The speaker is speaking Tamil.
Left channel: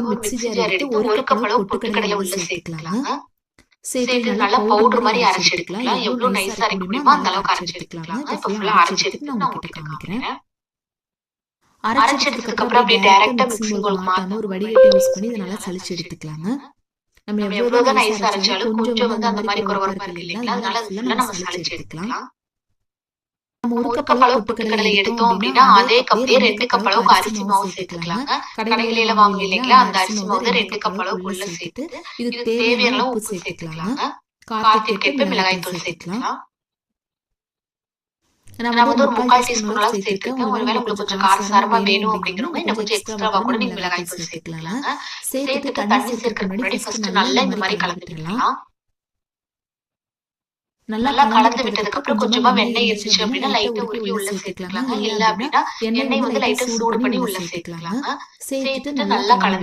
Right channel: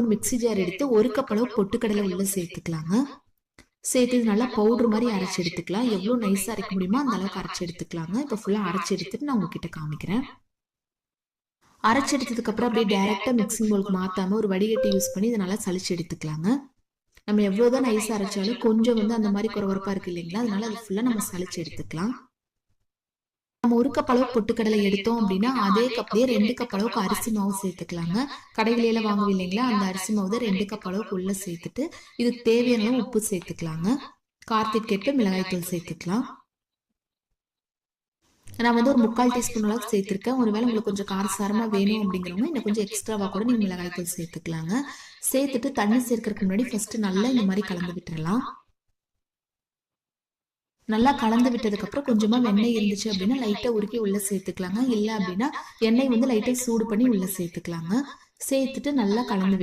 ஒரு மிக்ஸி ஜார் எடுத்து 1 கப் அளவு பொட்டுக்கடலை உள்ள சேர்த்துக்கலாங்க. சேர்த்து நல்லா பவுடர் மாதிரி அரைச்சு எடுத்துக்கலாம். எவ்வளவு நைஸா அரைக்க முடியுமோ அந்த அளவுக்கு அரைச்சு எடுத்துக்கலாங்க. இப்போ ஃபுல்லா அரைச்சு எடுத்துட்டு நான் உங்ககிட்ட காமிக்கிறேன். அரைச்செடுத்ததுக்கு அப்புறம் அப்படியே டைரக்டா மிக்ஸிங் பவுலுக்கு மாத்தாம ஒரு வடிகட்டி யூஸ் பண்ணி இதை நல்லா சலிச்சு எடுத்துக்கலாங்க. நம்ம எவ்வளவுதான் நைஸா அரைச்சாலும் கொஞ்சம் அந்த மாதிரி குறவரப்பா இருக்கு இல்லைங்களா, அதனால ஃபுல்லா நம்ம சலிச்சு எடுத்துக்கலாம். நம்ம 1 கப் அளவு பொட்டுக்கடலை எடுத்தோம் அப்படின்னா அதே கப்லயே 2 கப் அளவுக்கு அரிசி மாவு சேர்த்துக்கலாங்க. கடையில வாங்குவீங்க இல்லைங்களா, அந்த அரிசி மாவு 2 கப் அளவுக்கு உள்ள சேர்த்துட்டு இதுக்கு தேவையான உப்பு சேர்த்துக்கலாங்க. காரத்துக்கு ஏற்ப மிளகாய்த்தூள் சேர்த்துக்கலாம். நான் வந்து ஒரு 3/4 டீஸ்பூன் அளவு சேர்த்திருக்கேன். ஒருவேளை உங்களுக்கு கொஞ்சம் காரசாரமா வேணும் அப்படின்னா கொஞ்சம் எக்ஸ்ட்ராவா கூட நீங்க மிளகாய்த்தூள் சேர்த்துக்கலாங்க. சேர்த்துட்டு தண்ணி சேர்க்கறதுக்கு முன்னாடி ஃபர்ஸ்ட் நல்லா இந்த மாதிரி கலந்து விட்டுறலாம். நல்லா கலந்து விட்டதுக்கு அப்புறம் கொஞ்சமா எண்ணெய் இருந்துச்சு அப்படின்னா லைட்டா உருக்கி உள்ள சேர்த்துக்கலாங்க. இல்ல அப்படின்னா எண்ணெய் வந்து லைட்டா சூடு பண்ணி உள்ள சேர்த்துக்கலாங்க. சேர்த்துட்டு நல்லா கலந்து